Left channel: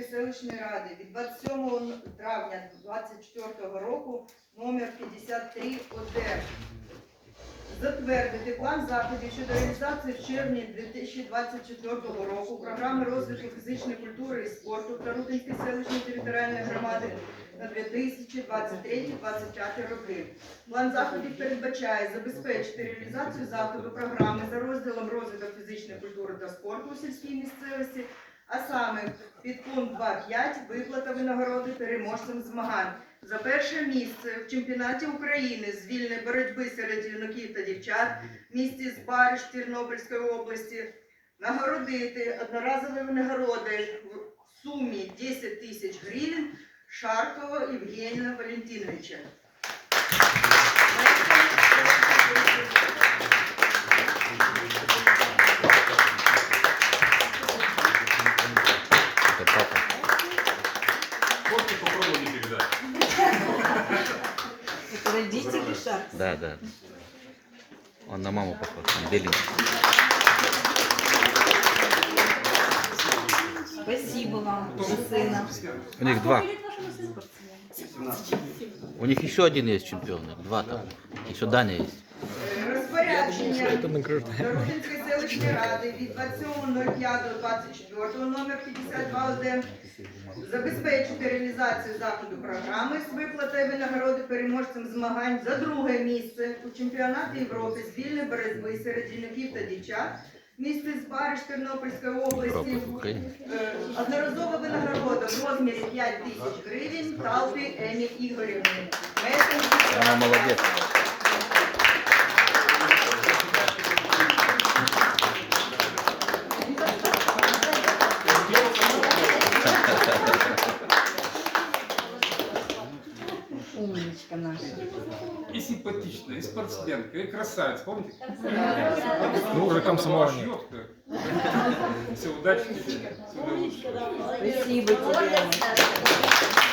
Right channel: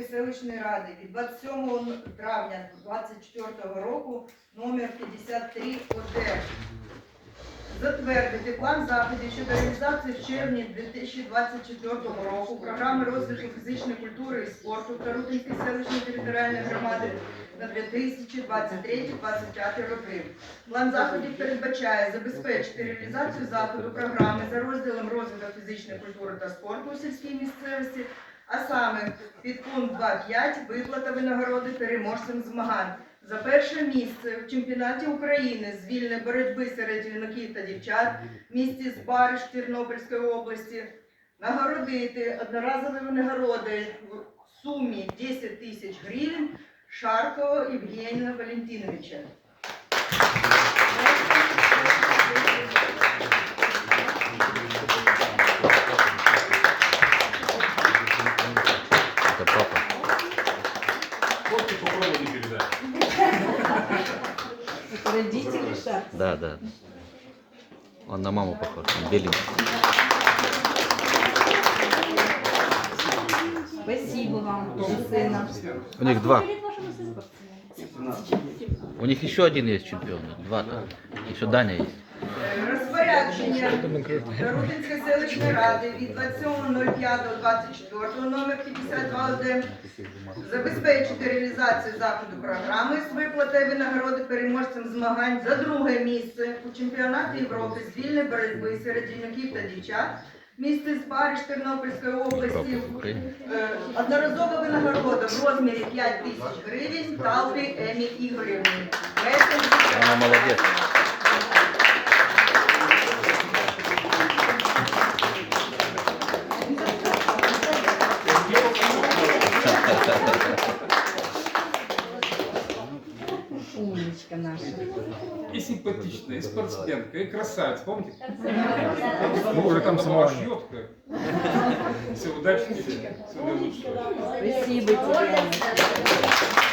селищної ради від 27 травня 2024 року номер 53 ОД. Затвердити план заходів щодо реалізації в червні 2024 року програми розвитку фізичної культури і спорту Тарутинської селищної територіальної громади на 2023-2025 роки. План заходів передбачає забезпечити реалізацію заходу програми за розділом розвиток фізичної культури та спорту у сільській місцевості, а саме під пункт 2.5 виплата винагороди переможцям змагань за перше місце в чемпіонаті України з вільної боротьби серед юнаків та дівчат в місті Збариш Тернопільської області нагородити одноразові винагороди в сумі 10 тисяч гривень Шаркова Євгенія Валентиновича. Это папа. Попробуй не передать. Это родители шар. Да, да. Он на маму похож, он беленький. Спасибо вам за сына. У них два. У них еще один есть чемпион. Два там. Еще Даня есть. Розпорядження Тарутинської селищної ради від 27.05.24 номер 52 забезпечити реалізацію заходу програми з виплатою винагороди переможцям змагань за друге місце у чемпіонаті Європи з вільної боротьби серед жіноків та дівчат. Місце Спариш Тернопільської області. Е, Одноразова винагорода в розмірі 5 тисяч гривень Талпі Емі Ігорівні. Она Умничка наша. И симпатичная, и спортсменка, и красавица. Помните? Ну, уже там была шьетка. Все, удачи тебе. Всего наилучшего. Спасибо тебе.